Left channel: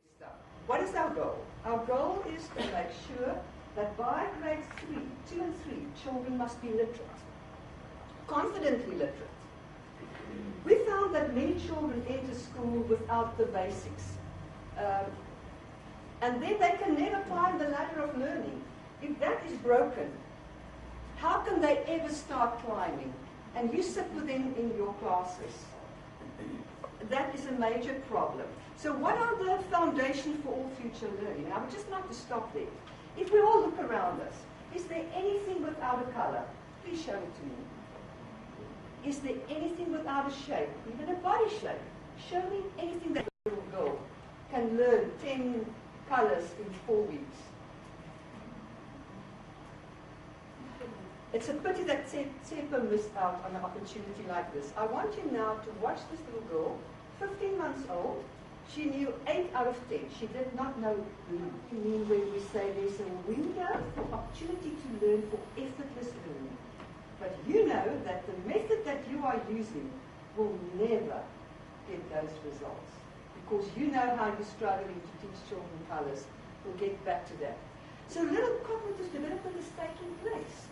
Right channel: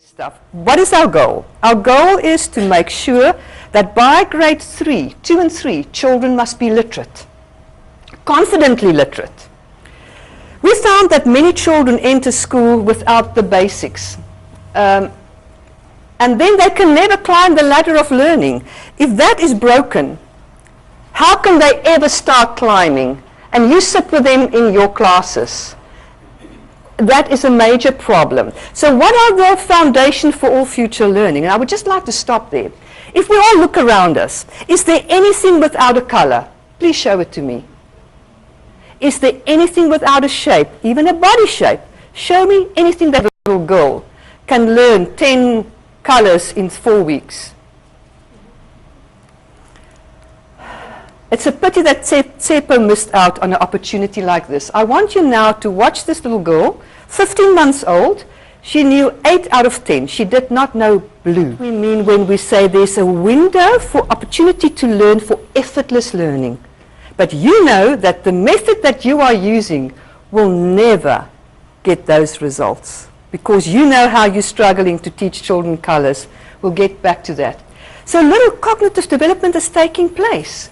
stuff. What is our goal? Our goal is to make sure that by grade 2 and 3, children must be literate, confidently literate. We found that many children enter school without the basics. And then they can never climb the ladder of learning. If that is broken, how can they ever start climbing? And you sit with them in your classes. That is a major problem. So what are the foundation for all future learning? And I would just like to stop there. If we all look around us, is there anything without a color? Please show it to me. Is there anything without a shape, even a body shape? Show me anything that a little girl can learn 10 colors in 4 weeks. It's a pity that Tshepo missed out on an opportunity like this. I want you now to watch this little girl, 15 months old. She knew 8 out of 10. She did not know blue. We mean when we say there's a window for opportunity to learn for effortless learning. But you know that the method that you are using will never get those results because you know how you're struggling to teach children colors. We'll get back to that. So little cognitive development is taking place.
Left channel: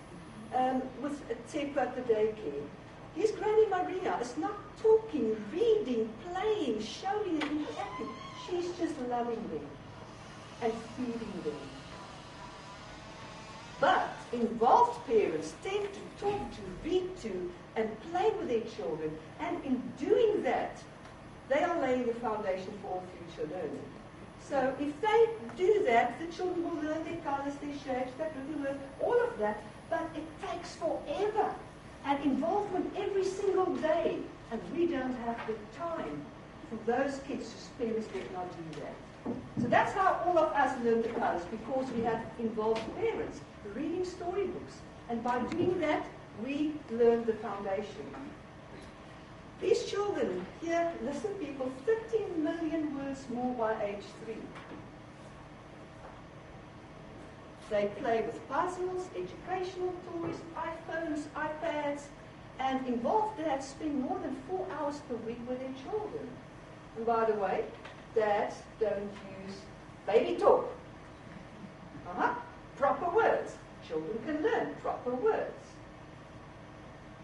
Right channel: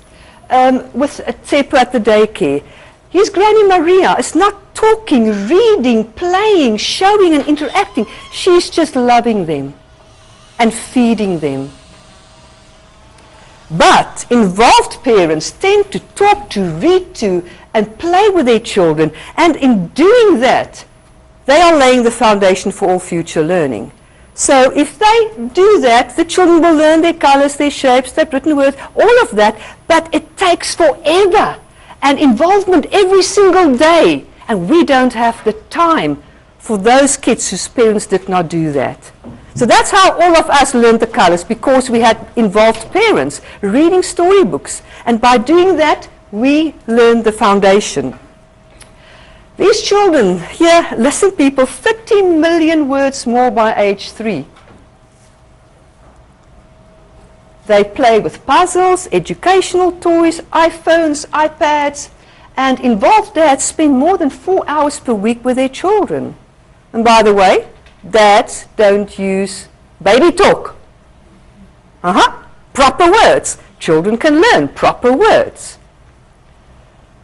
With Tshepo at the daycare. His Granny Maria is not talking, reading, playing, showing and interacting. She's just loving them and feeding them. But involved parents tend to talk to, read to, and play with their children. And in doing that, they are laying the foundation for all future learning. So if they do that, the children will learn their colors, their shapes, their written words, all of that, but it takes forever and involvement every single day. And we don't have the time for those kids whose parents did not do that. So that's how all of us learned the colors, because we had involved parents reading storybooks. And by doing that, we learned the foundation. These children here, listen people, 30 million words more by age 3. They play with puzzles, educational toys, iPhones, iPads, and involved dads spend more than 4 hours per week with their children. And by the way, dads don't use baby talk. Proper words. Children can learn proper words.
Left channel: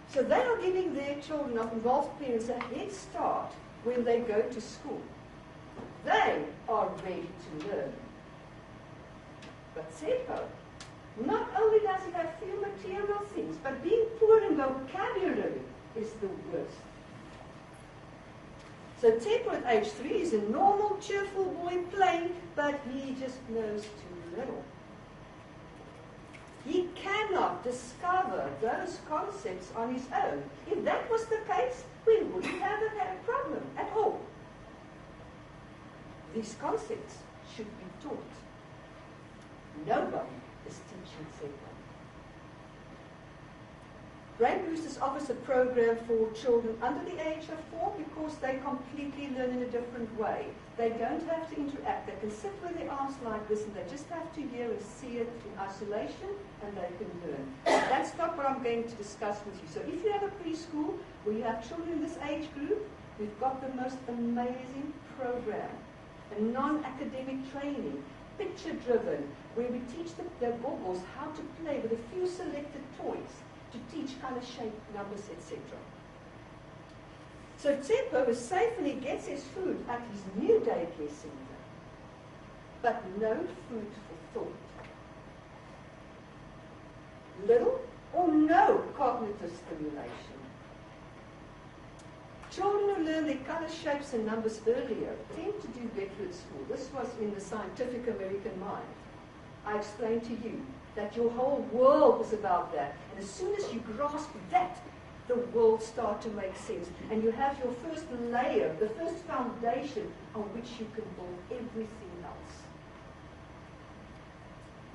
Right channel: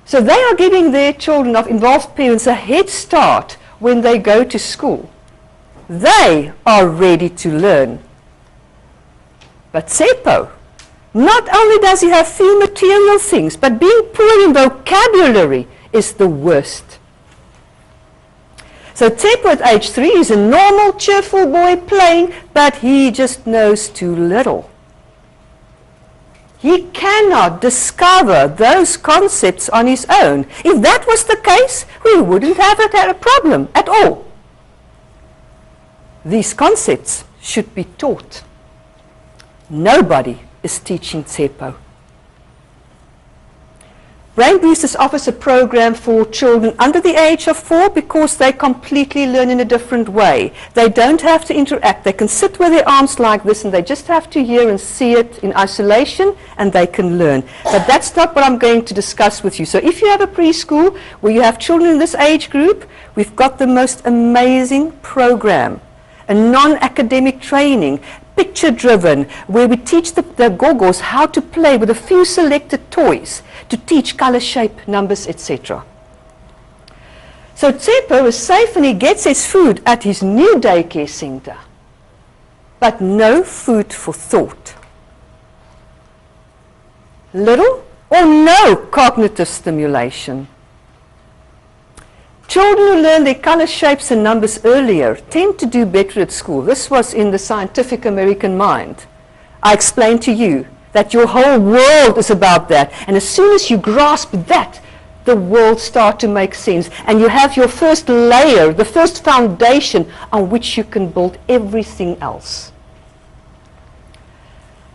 So they are giving their children of involved parents a head start when they go to school. They are ready to learn. But Tshepo, not only does he have few material things, but being poor in vocabulary is the worst. So Tshepo at age 3 is a normal, cheerful boy playing, but he just knows too little. He cannot discover those concepts on his own. If that was the case, we wouldn't have had a problem at all. These concepts should be taught. Nobody is teaching Tshepo. Brainboosters offers a program for children under the age of 4 because they completely learn in a different way. They don't have to interact. They can sit with their arms like this and they just have to hear and see it in isolation and they can learn. But that's not what I'm going to discuss with you. So if you have a preschool where you have children in this age group, we've got the most amazing program. A non-academic training, picture-driven, where we teach the gogos how to play with a few selected toys to teach color, shape, numbers, etc. So Tshepo is safe and he gets his food at his new daycare center. But no food for thought. Little or no cognitive stimulation. Children who learn their color, shapes and numbers earlier tend to do better at school. This was in the Scientific American Mind. I explained to you that your whole world is about that. And as soon as you grasp that, the world starts to make sense. And you have your first layer, the first foundation on which you can build everything else.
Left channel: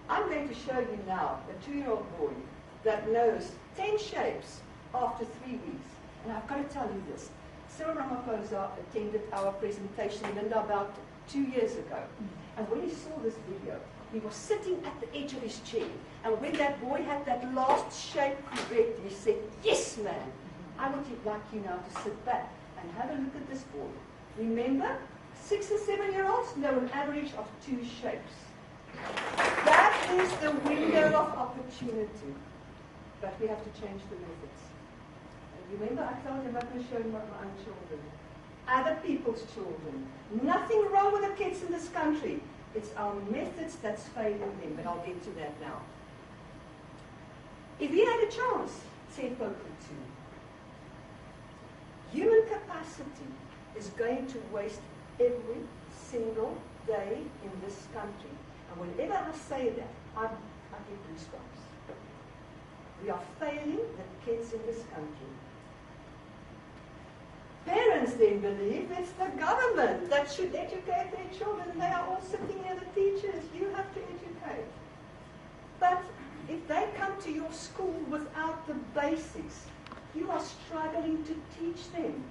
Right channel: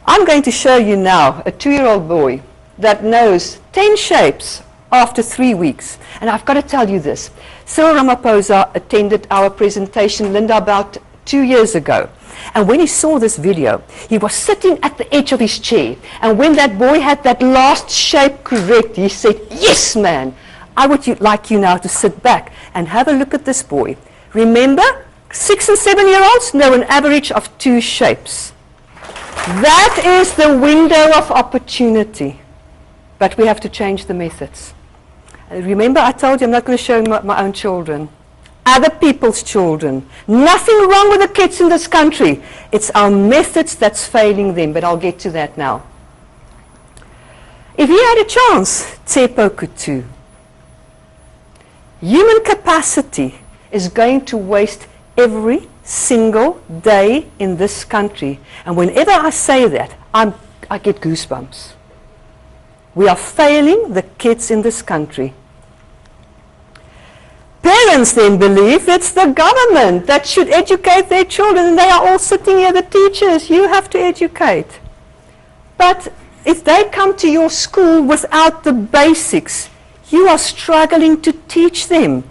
I'm going to show you now a 2-year-old boy that knows 10 shapes after 3 weeks. And I've got to tell you this. Cyril Ramaphosa attended our presentation, Linda, about 2 years ago. And when he saw this video, he was sitting at the edge of his chair. And when that boy had that last shape correct, he said, "Yes, man, I would like you now to sit back and have a look at this boy. Remember, 6 and 7-year-olds know an average of 2 shapes. That is the window of opportunity. But we have to change the methods. Remember, I told you I'm not going to show my own children. Other people's children. Nothing wrong with the kids in this country. It's our methods that's failing them, but I'll get to that now. If he had a chance, Tshepo could too. Human capacity is going to waste every single day in this country. And whenever I say that, I get goosebumps. We are failing the kids in this country. Parents then believe it's the government that should educate their children, and they are all sitting here, the teachers, you have to educate. But if they come to your school without the basics, you are struggling to teach them.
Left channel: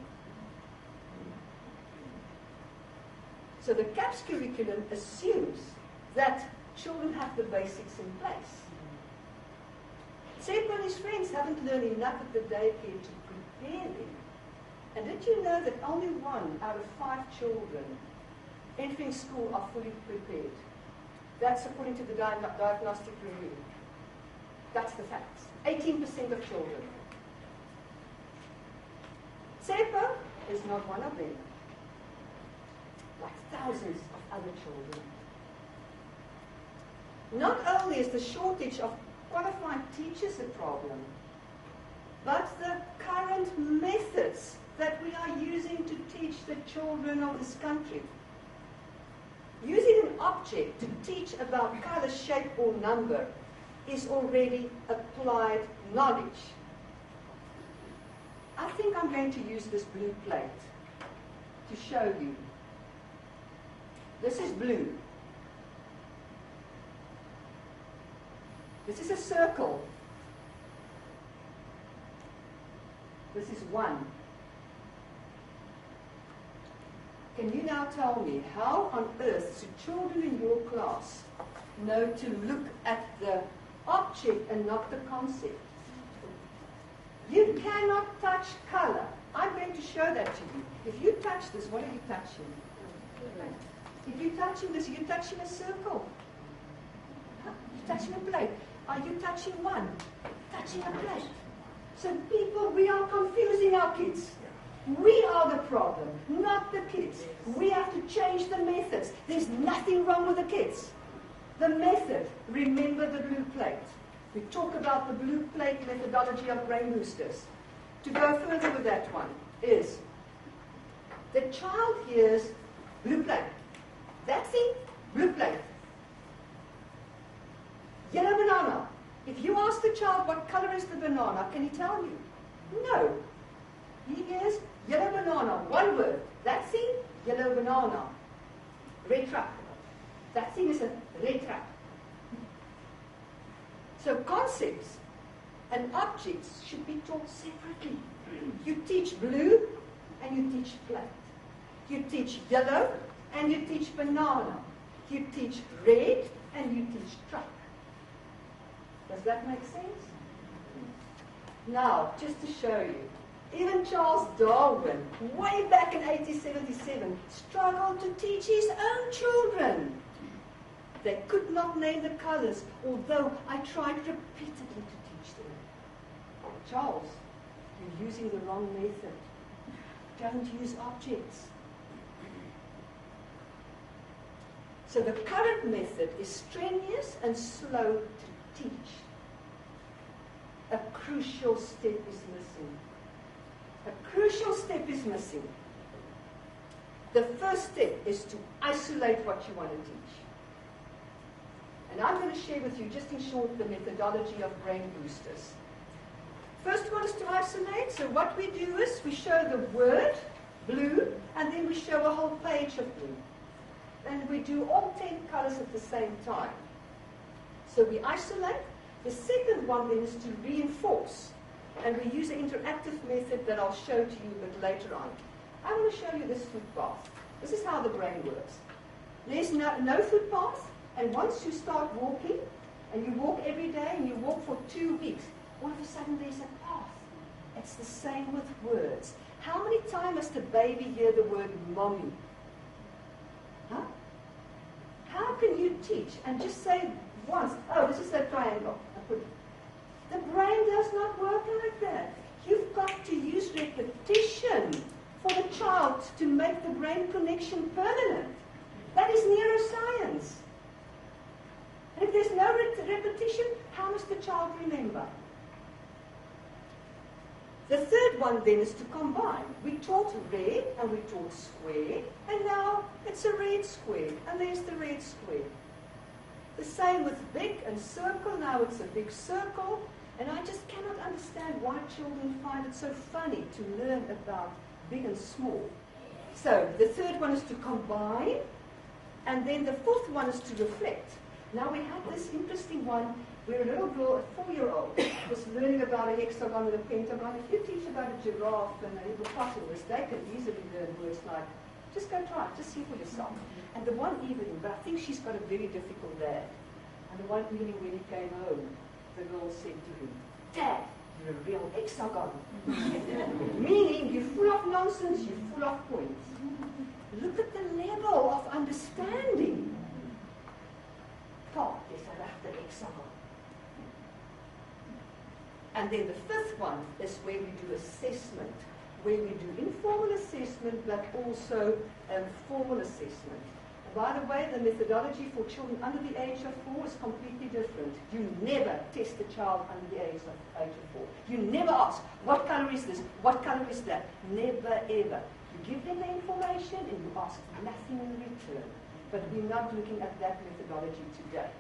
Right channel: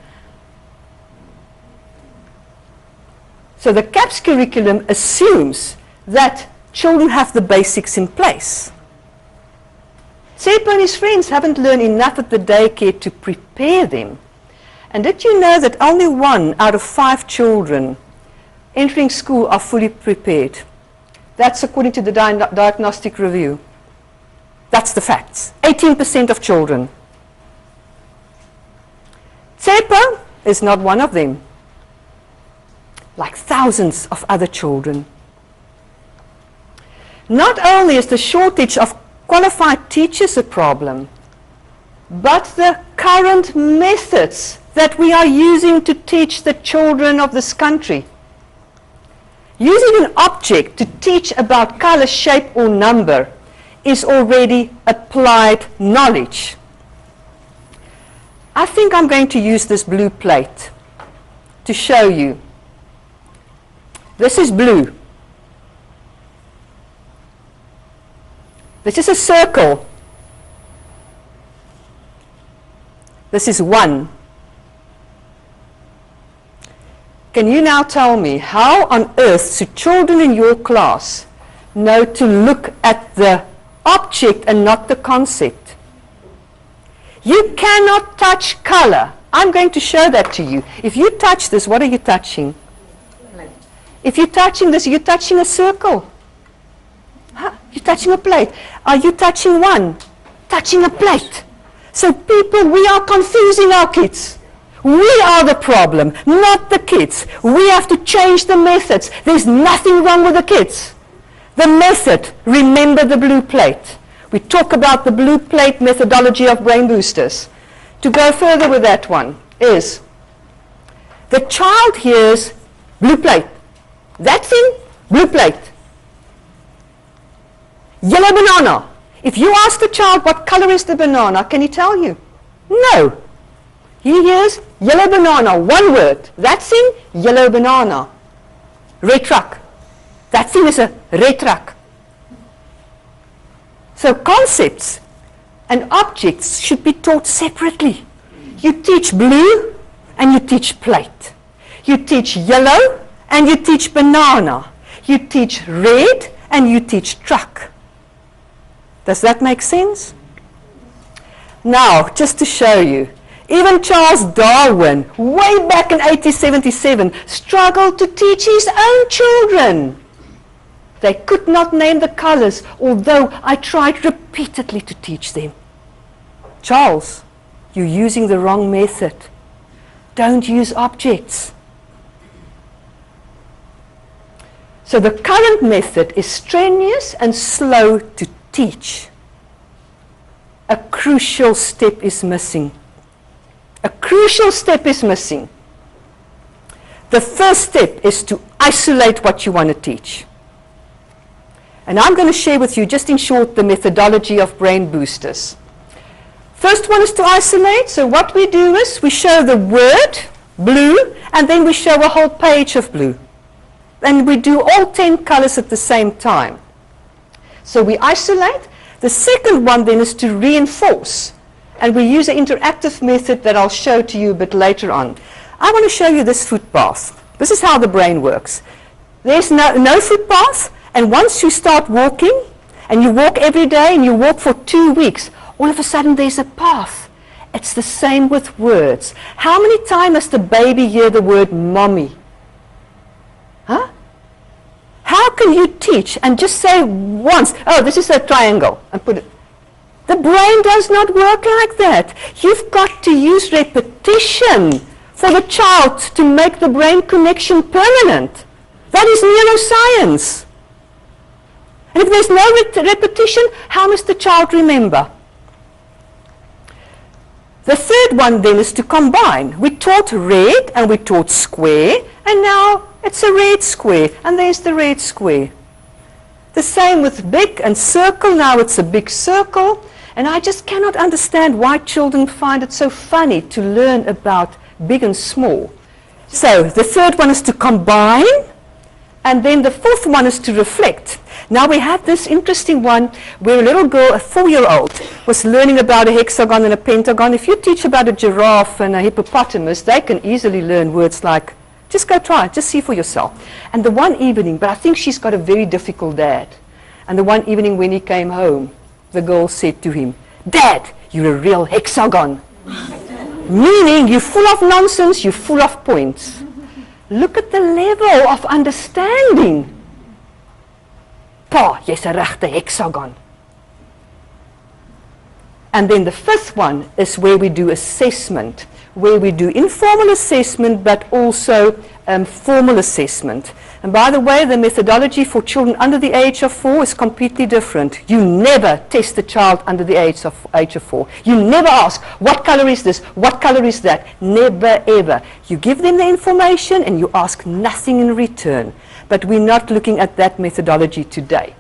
So the CAPS curriculum assumes that children have the basics in place. Tshepo and his friends haven't learned enough at the daycare to prepare them. And did you know that only 1 out of 5 children entering school are fully prepared? That's according to the diagnostic review. That's the facts. 18% of children. Tshepo is not one of them, like thousands of other children. Not only is the shortage of qualified teachers a problem, but the current methods that we are using to teach the children of this country. Using an object to teach about color, shape, or number is already applied knowledge. I think I'm going to use this blue plate to show you. This is blue. This is a circle. This is 1. Can you now tell me how on earth should children in your class know to look at the object and not the concept? You cannot touch color. I'm going to show that to you. If you touch this, what are you touching? If you're touching this, you're touching a circle. Huh? You're touching a plate. Are you touching 1? Touching a plate. So people, we are confusing our kids. We are the problem, not the kids. We have to change the methods. There's nothing wrong with the kids. The method, remember the blue plate. We talk about the blue plate methodology of Brainboosters. To go further with that one is, the child hears blue plate. That thing, blue plate. Yellow banana. If you ask the child what color is the banana, can he tell you? No. He hears yellow banana, 1 word. That thing, yellow banana. Red truck. That thing is a red truck. So concepts and objects should be taught separately. You teach blue and you teach plate. You teach yellow and you teach banana. You teach red and you teach truck. Does that make sense? Now, just to show you, even Charles Darwin, way back in 1877, struggled to teach his own children. They could not name the colors, although I tried repeatedly to teach them. Charles, you're using the wrong method. Don't use objects. So the current method is strenuous and slow to teach. A crucial step is missing. A crucial step is missing. The first step is to isolate what you want to teach. And I'm going to share with you, just in short, the methodology of Brainboosters. First one is to isolate. So what we do is we show the word, blue, and then we show a whole page of blue. And we do all 10 colors at the same time. So we isolate. The second one then is to reinforce. And we use an interactive method that I'll show to you a bit later on. I want to show you this footpath. This is how the brain works. There's no footpath, and once you start walking, and you walk every day, and you walk for 2 weeks, all of a sudden there's a path. It's the same with words. How many times does the baby hear the word mommy? How can you teach and just say once, oh, this is a triangle, and put it? The brain does not work like that. You've got to use repetition for the child to make the brain connection permanent. That is neuroscience. And if there's no repetition, how must the child remember? The third one then is to combine. We taught red and we taught square, and now it's a red square, and there's the red square. The same with big and circle, now it's a big circle, and I just cannot understand why children find it so funny to learn about big and small. So the third one is to combine, and then the fourth one is to reflect. Now we have this interesting one where a little girl, a 4-year-old, was learning about a hexagon and a pentagon. If you teach about a giraffe and a hippopotamus, they can easily learn words like, just go try it, just see for yourself. And the one evening, but I think she's got a very difficult dad. And the one evening when he came home, the girl said to him, Dad, you're a real hexagon. Meaning you're full of nonsense, you're full of points. Look at the level of understanding. Pa, jy's 'n regte hexagon. And then the fifth one is where we do assessment, where we do informal assessment but also formal assessment. And by the way, the methodology for children under the age of 4 is completely different. You never test a child under the age of 4. You never ask, what color is this? What color is that? Never, ever. You give them the information and you ask nothing in return. But we're not looking at that methodology today.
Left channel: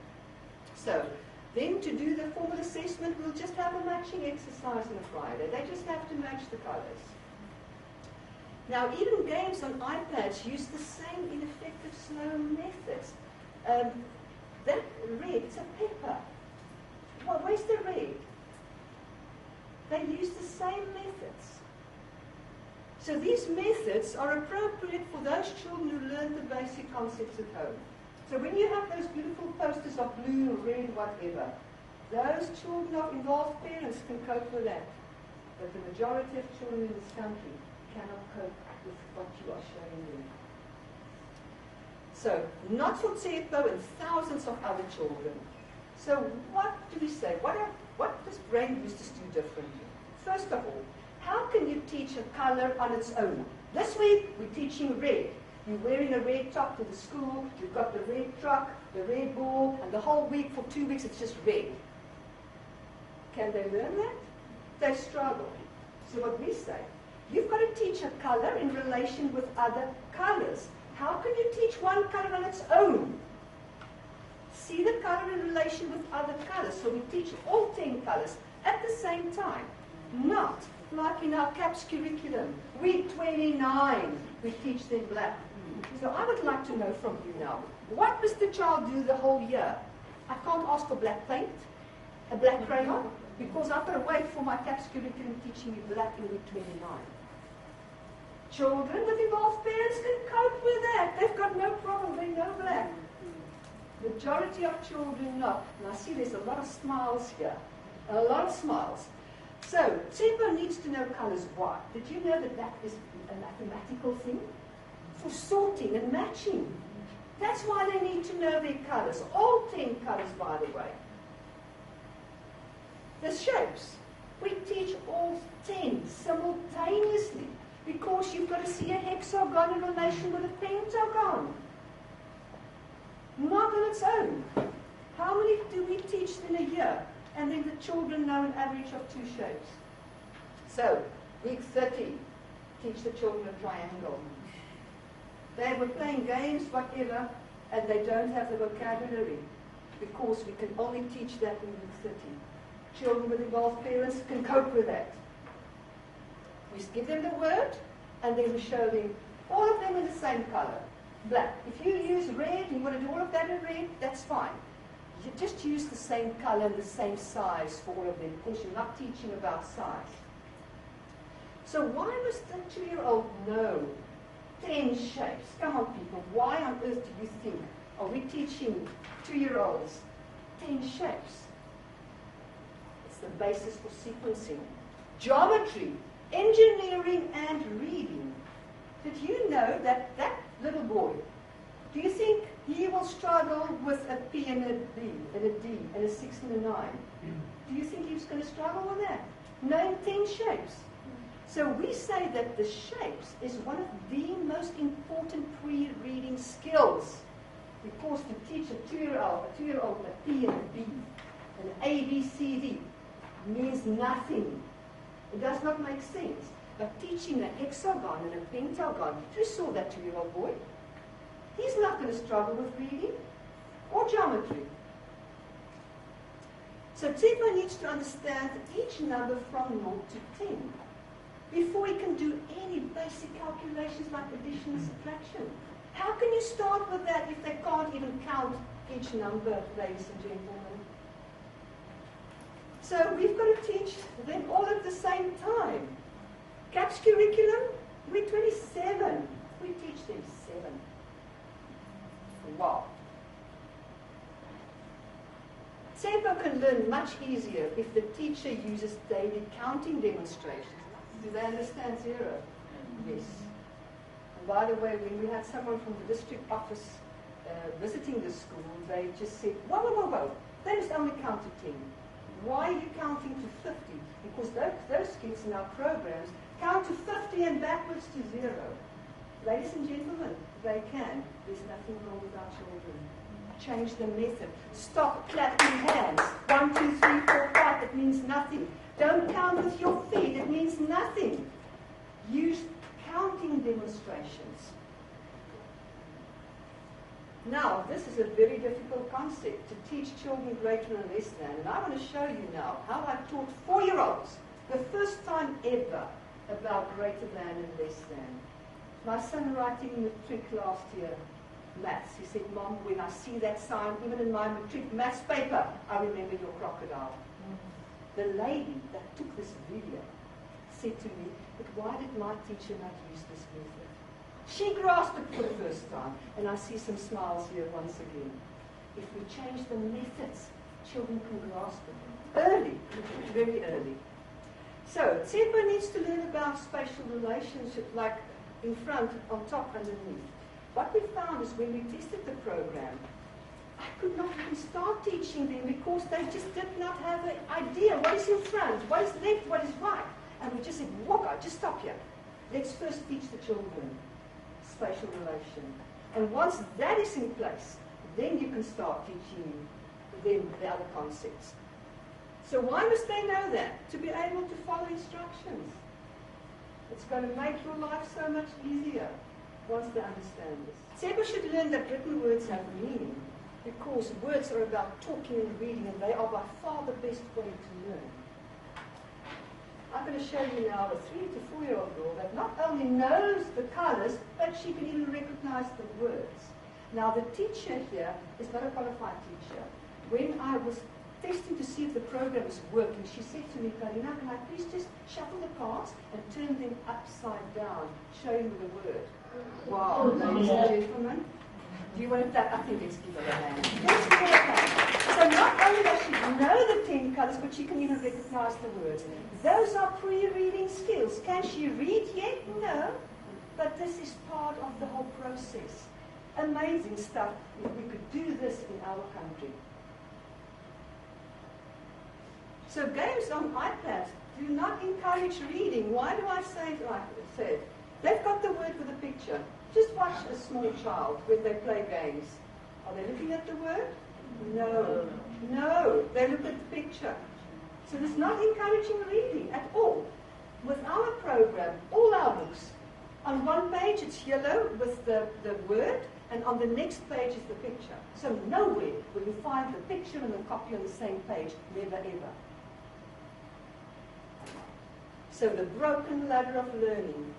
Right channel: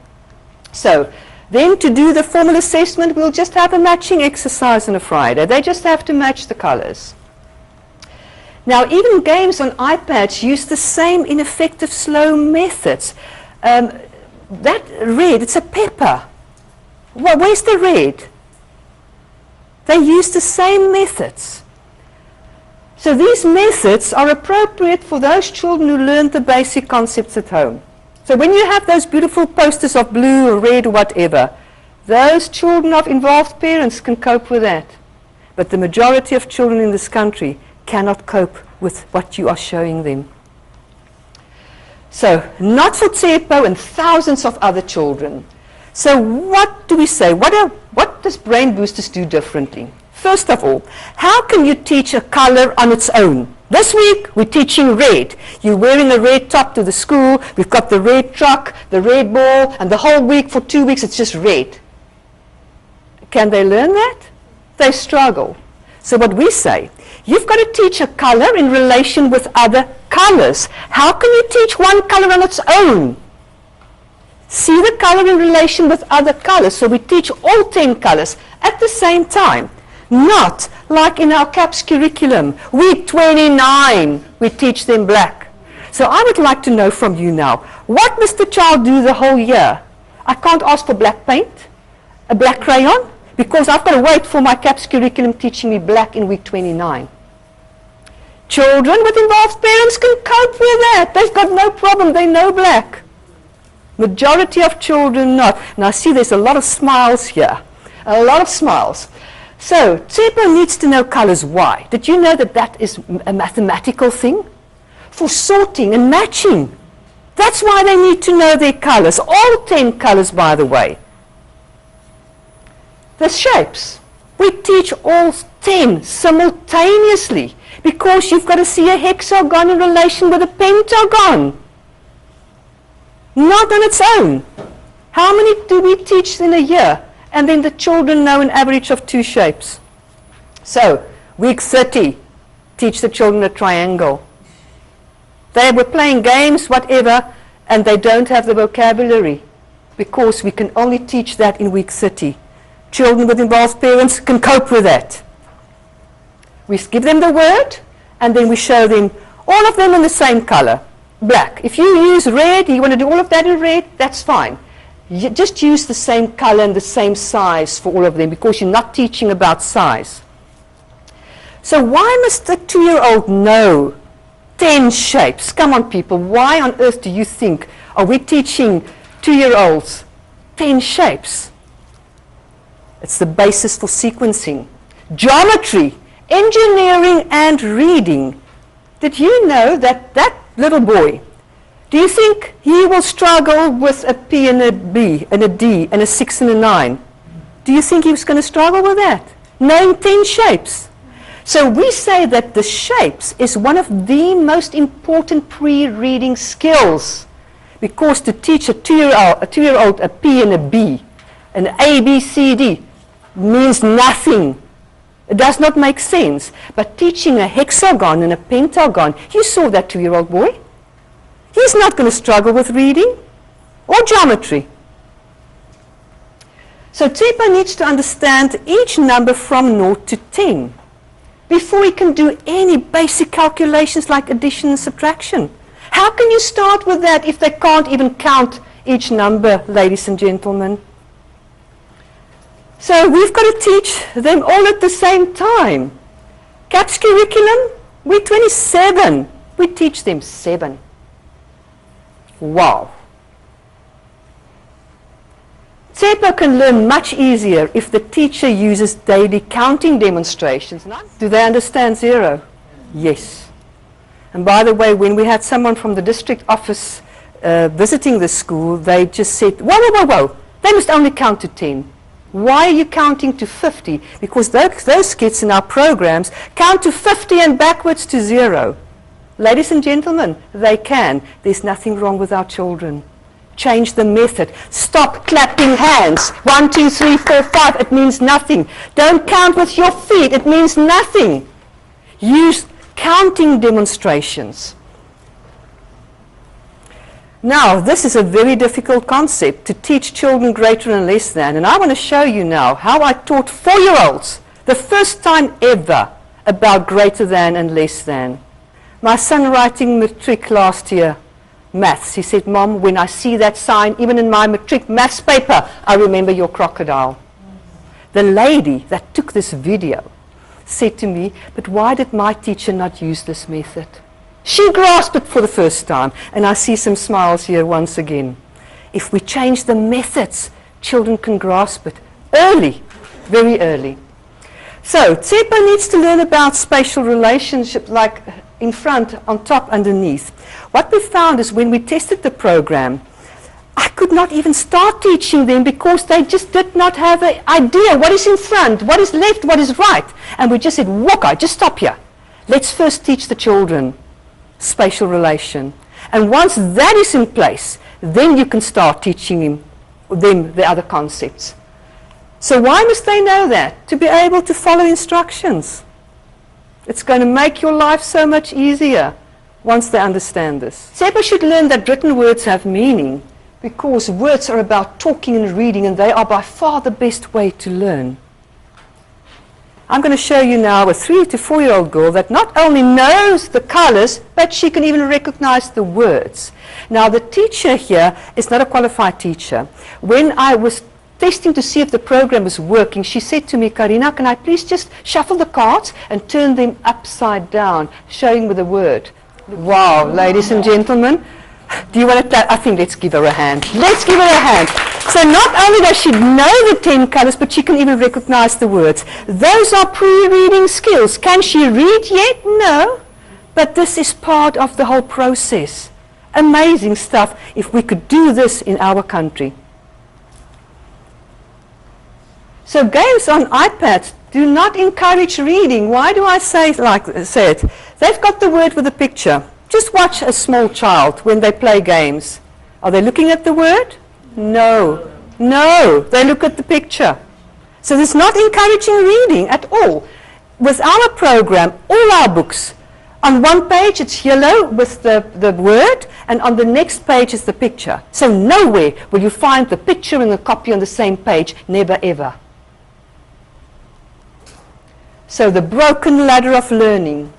So then to do the formal assessment, we'll just have a matching exercise on a Friday. They just have to match the colors. Now, even games on iPads use the same ineffective slow methods. That red, it's a pepper. Well, where's the red? They use the same methods. So these methods are appropriate for those children who learned the basic concepts at home. So when you have those beautiful posters of blue or red or whatever, those children of involved parents can cope with that. But the majority of children in this country cannot cope with what you are showing them. So, not for Tshepo and thousands of other children. So what do we say? What does Brainboosters do differently? First of all, how can you teach a color on its own? This week, we're teaching red. You're wearing a red top to the school. We've got the red truck, the red ball, and the whole week for 2 weeks, it's just red. Can they learn that? They struggle. So what we say, you've got to teach a color in relation with other colors. How can you teach one color on its own? See the color in relation with other colors. So we teach all 10 colors at the same time. Not like in our CAPS curriculum. Week 29, we teach them black. So I would like to know from you now, what must the child do the whole year? I can't ask for black paint, a black crayon, because I've got to wait for my CAPS curriculum teaching me black in week 29. Children with involved parents can cope with that. They've got no problem. They know black. Majority of children not. Now see, there's a lot of smiles here. A lot of smiles. So, Tshepo needs to know colors. Why? Did you know that that is a mathematical thing? For sorting and matching. That's why they need to know their colors. All 10 colors, by the way. The shapes. We teach all 10 simultaneously because you've got to see a hexagon in relation with a pentagon. Not on its own. How many do we teach in a year? And then the children know an average of 2 shapes. So, week 30, teach the children a triangle. They were playing games, whatever, and they don't have the vocabulary because we can only teach that in week 30. Children with involved parents can cope with that. We give them the word, and then we show them all of them in the same color, black. If you use red, you want to do all of that in red, that's fine. You just use the same color and the same size for all of them because you're not teaching about size. So why must the 2-year-old know 10 shapes? Come on, people. Why on earth do you think are we teaching 2-year-olds 10 shapes? It's the basis for sequencing. Geometry, engineering, and reading. Did you know that that little boy Do you think he will struggle with a P and a B and a D and a 6 and a 9? Do you think he was going to struggle with that? Name 10 shapes. So we say that the shapes is one of the most important pre-reading skills, because to teach a two-year-old a P and a B, an A, B, C, D, means nothing. It does not make sense. But teaching a hexagon and a pentagon, you saw that 2-year-old boy. He's not going to struggle with reading or geometry. So Tshepo needs to understand each number from 0 to 10 before he can do any basic calculations like addition and subtraction. How can you start with that if they can't even count each number, ladies and gentlemen? So we've got to teach them all at the same time. CAPS curriculum, we're 27. We teach them 7. Wow. Tshepo can learn much easier if the teacher uses daily counting demonstrations. Do they understand 0? Yes. And by the way, when we had someone from the district office visiting the school, they just said, whoa, whoa, whoa, whoa, they must only count to 10. Why are you counting to 50? Because those kids in our programs count to 50 and backwards to 0. Ladies and gentlemen, they can. There's nothing wrong with our children. Change the method. Stop clapping hands. 1, 2, 3, 4, 5. It means nothing. Don't count with your feet. It means nothing. Use counting demonstrations. Now, this is a very difficult concept to teach children greater and less than. And I want to show you now how I taught 4-year-olds the first time ever about greater than and less than. My son writing matric last year, maths, he said, Mom, when I see that sign, even in my matric maths paper, I remember your crocodile. The lady that took this video said to me, but why did my teacher not use this method? She grasped it for the first time, and I see some smiles here once again. If we change the methods, children can grasp it early, very early. So Tshepo needs to learn about spatial relationships, like in front, on top, underneath. What we found is when we tested the program, I could not even start teaching them because they just did not have an idea what is in front, what is left, what is right. And we just said, Waka, just stop here. Let's first teach the children spatial relation. And once that is in place, then you can start teaching them the other concepts. So why must they know that? To be able to follow instructions. It's going to make your life so much easier once they understand this. Tshepo should learn that written words have meaning, because words are about talking and reading, and they are by far the best way to learn. I'm going to show you now a 3 to 4-year-old girl that not only knows the colors, but she can even recognize the words. Now, the teacher here is not a qualified teacher. When I was testing to see if the program was working, she said to me, Karina, can I please just shuffle the cards and turn them upside down, showing with a word? Wow, ladies and gentlemen. Do you want to clap? I think let's give her a hand. Let's give her a hand. So not only does she know the 10 colors, but she can even recognize the words. Those are pre-reading skills. Can she read yet? No. But this is part of the whole process. Amazing stuff if we could do this in our country. So games on iPads do not encourage reading. Why do I say it? They've got the word with a picture. Just watch a small child when they play games. Are they looking at the word? No. No, they look at the picture. So it's not encouraging reading at all. With our program, all our books, on one page it's yellow with the word, and on the next page is the picture. So nowhere will you find the picture and the copy on the same page, never ever. So the broken ladder of learning.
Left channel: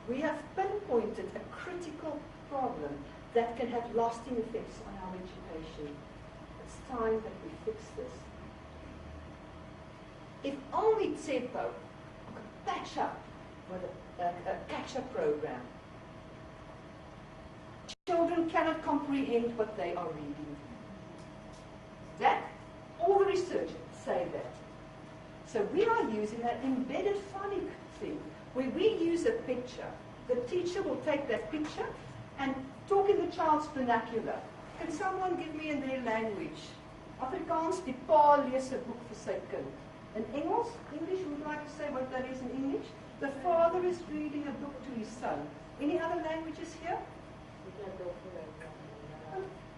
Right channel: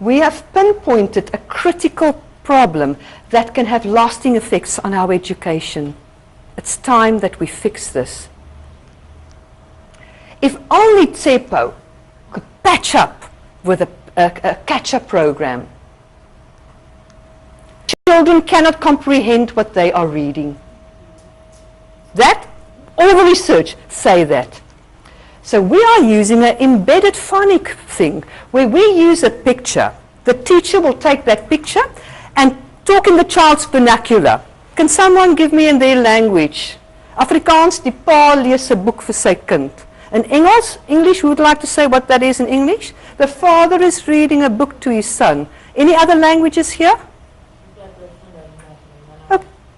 We have pinpointed a critical problem that can have lasting effects on our education. It's time that we fix this. If only Tshepo could patch up with a catch-up program. Children cannot comprehend what they are reading. That, all the research say that. So we are using an embedded phonic thing where we use a picture. The teacher will take that picture and talk in the child's vernacular. Can someone give me in their language? Afrikaans, die pa lees 'n boek vir sy kind. In English, who would like to say what that is in English? The father is reading a book to his son. Any other languages here?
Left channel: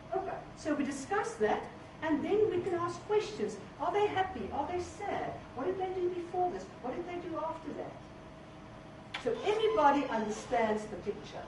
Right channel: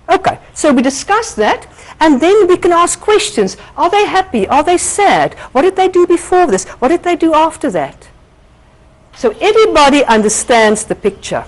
Okay, so we discuss that, and then we can ask questions. Are they happy? Are they sad? What did they do before this? What did they do after that? So everybody understands the picture.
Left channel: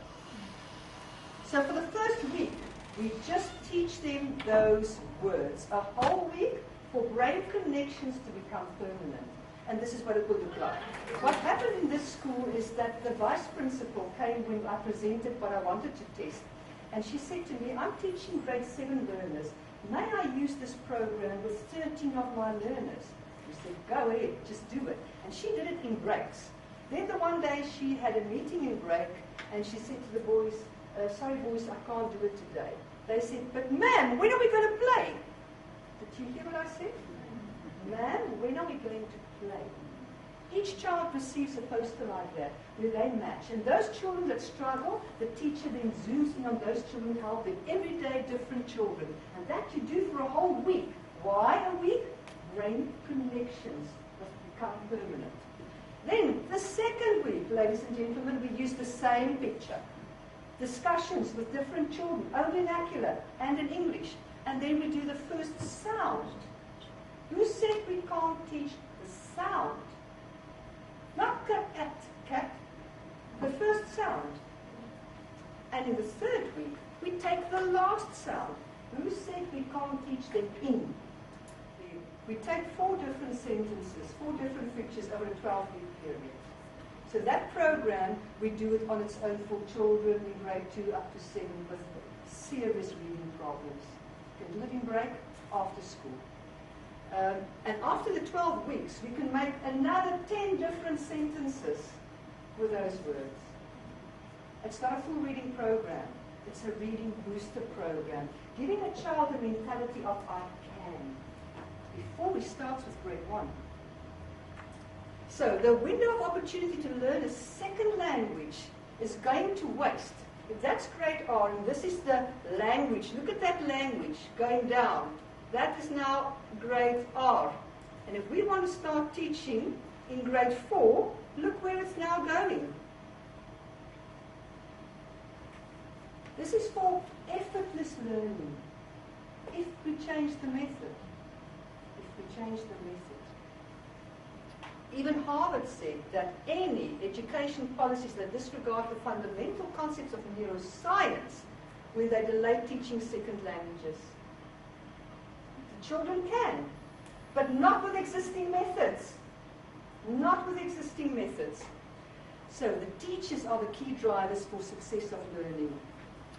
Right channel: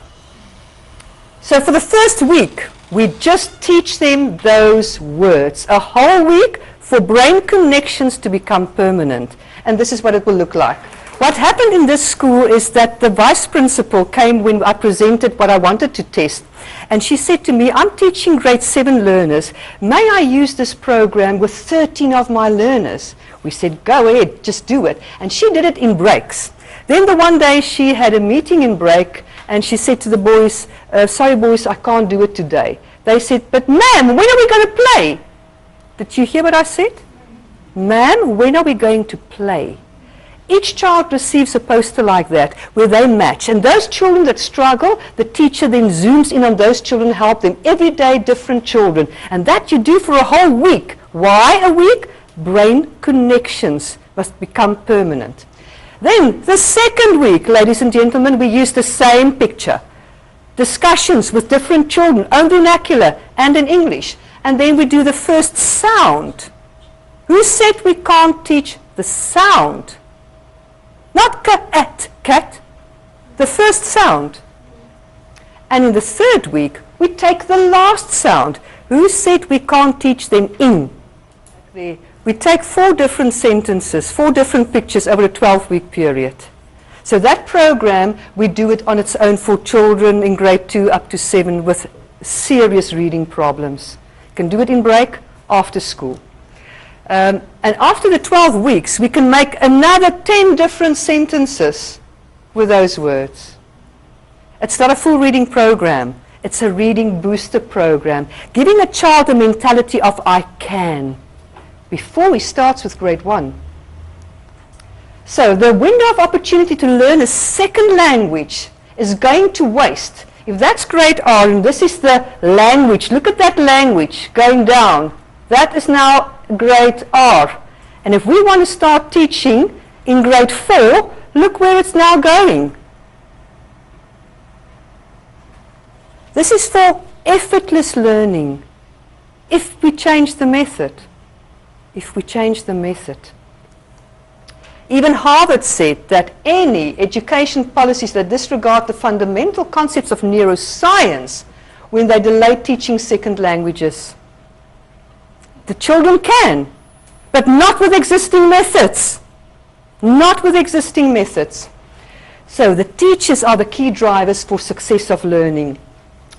So for the first week, we just teach them those words. A whole week for brain connections to become permanent. And this is what it will look like. What happened in this school is that the vice principal came when I presented what I wanted to test. And she said to me, I'm teaching grade 7 learners. May I use this program with 13 of my learners? We said, go ahead, just do it. And she did it in breaks. Then the one day she had a meeting in break, and she said to the boys, sorry boys, I can't do it today. They said, but ma'am, when are we going to play? Did you hear what I said? Ma'am, when are we going to play? Each child receives a poster like that where they match. And those children that struggle, the teacher then zooms in on those children, help them. Every day, different children. And that you do for a whole week. Why a week? Brain connections must become permanent. Then, the second week, ladies and gentlemen, we use the same picture. Discussions with different children, own vernacular and in English. And then we do the first sound. Who said we can't teach the sound? Not cat, the first sound. And in the third week, we take the last sound. Who said we can't teach them in? We take 4 different sentences, 4 different pictures over a 12-week period. So that program, we do it on its own for children in grade 2 up to 7 with serious reading problems. You can do it in break, after school. And after the 12 weeks, we can make another 10 different sentences with those words. It's not a full reading program. It's a reading booster program, giving a child a mentality of I can, before he starts with grade 1. So the window of opportunity to learn a second language is going to waste. If that's grade R, and this is the language, look at that language going down. That is now grade R. And if we want to start teaching in grade 4, look where it's now going. This is for effortless learning. If we change the method. If we change the method. Even Harvard said that any education policies that disregard the fundamental concepts of neuroscience when they delay teaching second languages. The children can, but not with existing methods. Not with existing methods. So the teachers are the key drivers for success of learning.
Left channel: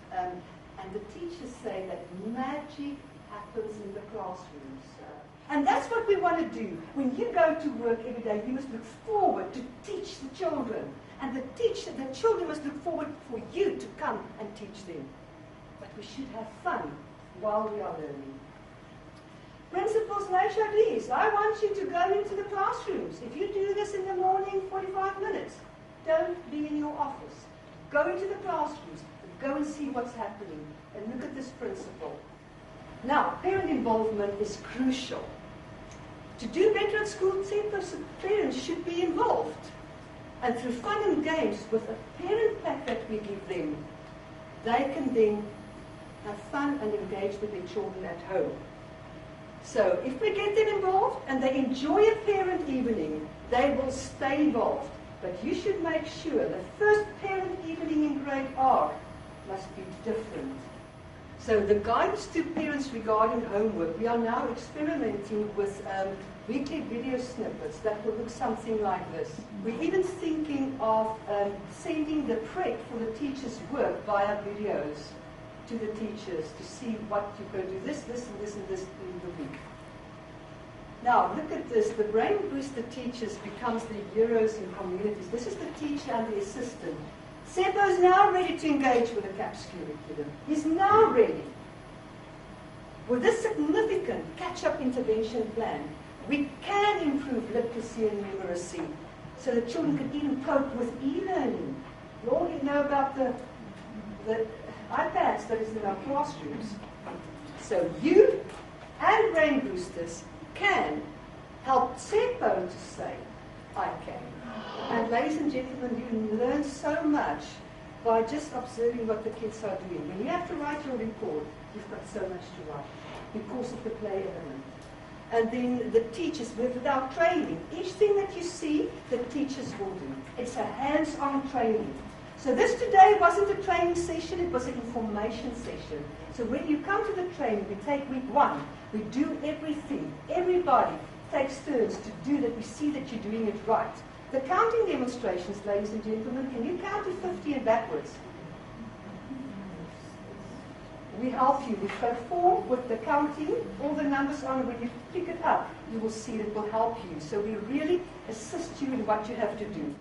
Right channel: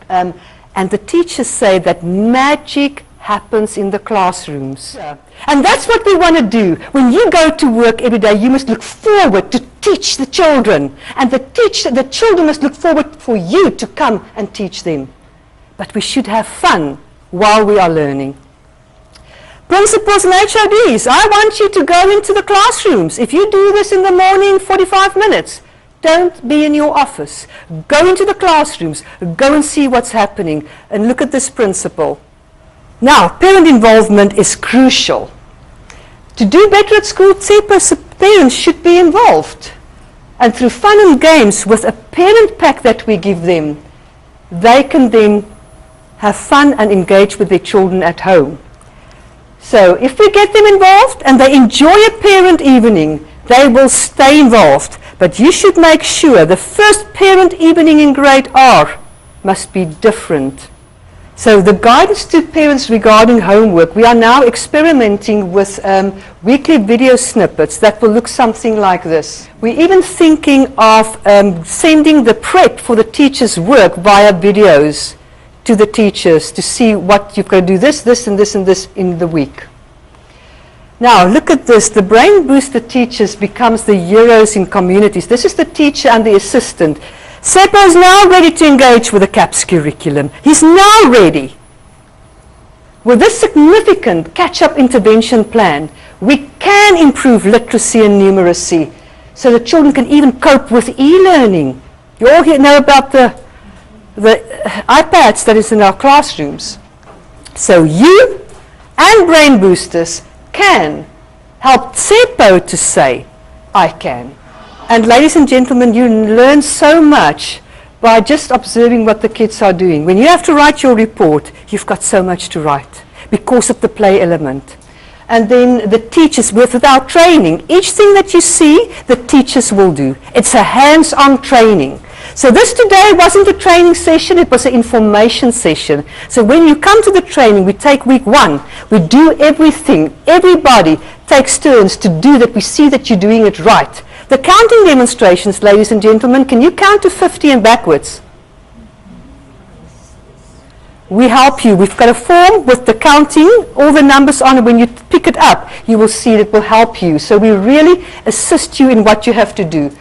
And the teachers say that magic happens in the classrooms. Yeah. And that's what we want to do. When you go to work every day, you must look forward to teach the children. And the children must look forward for you to come and teach them. But we should have fun while we are learning. Principals and HODs, I want you to go into the classrooms. If you do this in the morning, 45 minutes, don't be in your office. Go into the classrooms. Go and see what's happening. And look at this principle. Now, parent involvement is crucial. To do better at school, Tshepo, parents should be involved. And through fun and games with a parent pack that we give them, they can then have fun and engage with their children at home. So if we get them involved and they enjoy a parent evening, they will stay involved. But you should make sure the first parent evening in grade R must be different. So the guidance to parents regarding homework, we are now experimenting with weekly video snippets that will look something like this. We're even thinking of sending the prep for the teachers' work via videos to the teachers to see what you've got to do this, this, and this, and this in the week. Now, look at this. The Brain Booster teachers becomes the heroes in communities. This is the teacher and the assistant. Tshepo is now ready to engage with the CAPS curriculum. He's now ready. With this significant catch-up intervention plan, we can improve literacy and numeracy so the children can even cope with e-learning. You all know about the the iPads that is in our classrooms. So you and Brainboosters can help Tshepo to say, I can. And ladies and gentlemen, you learn so much by just observing what the kids are doing. When you have to write your report, you've got so much to write because of the play element. And then the teachers, without training, each thing that you see, the teachers will do. It's a hands-on training. So this today wasn't a training session, it was an information session. So when you come to the training, we take week 1, we do everything. Everybody takes turns to do that. We see that you're doing it right. The counting demonstrations, ladies and gentlemen, can you count to 50 and backwards? We help you. We've got a form with the counting, all the numbers on it. When you pick it up, you will see it will help you. So we really assist you in what you have to do.